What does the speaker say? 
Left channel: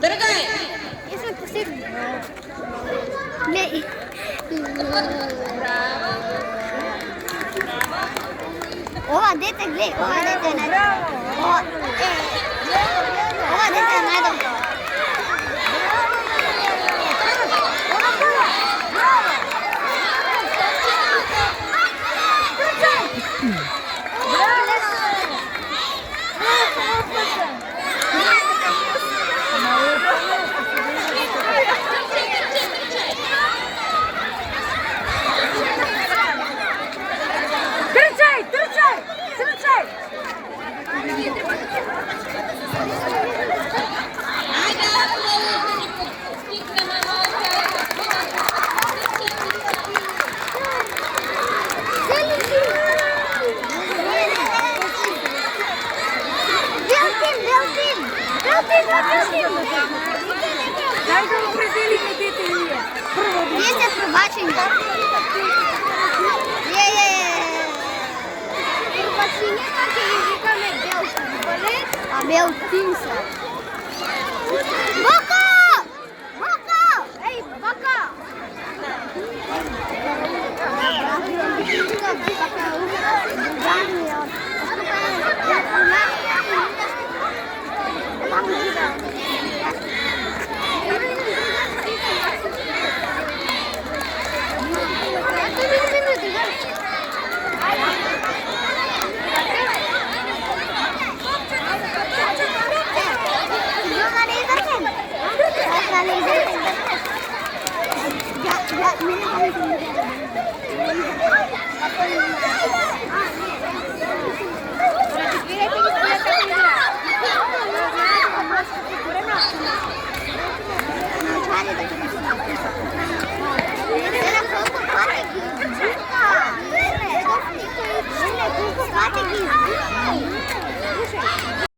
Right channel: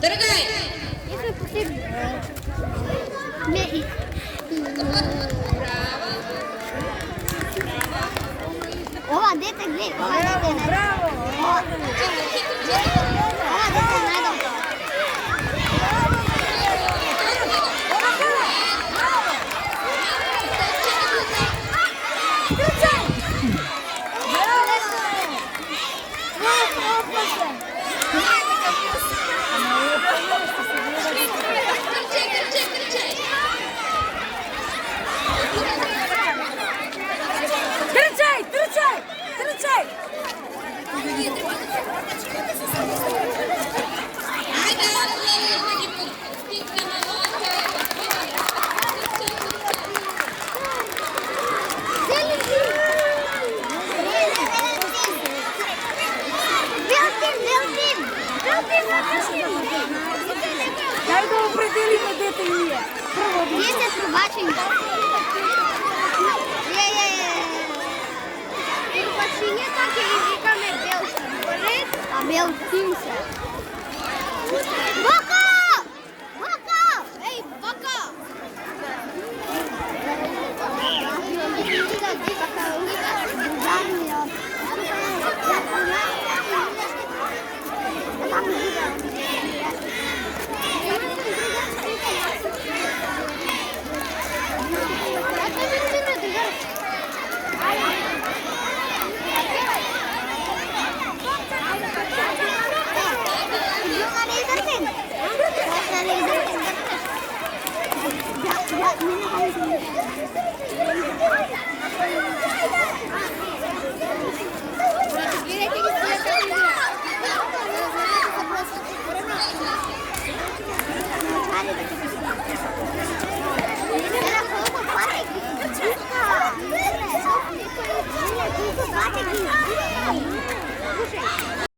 Дорогая! Если последний. О, де ти где? О, де ти надо? О, де ти надо? Найду определення, де ти є. Є пробачення. Пробачення так і руками білку. А білку кінця. Бока! Бока! Ей, бока! Ya,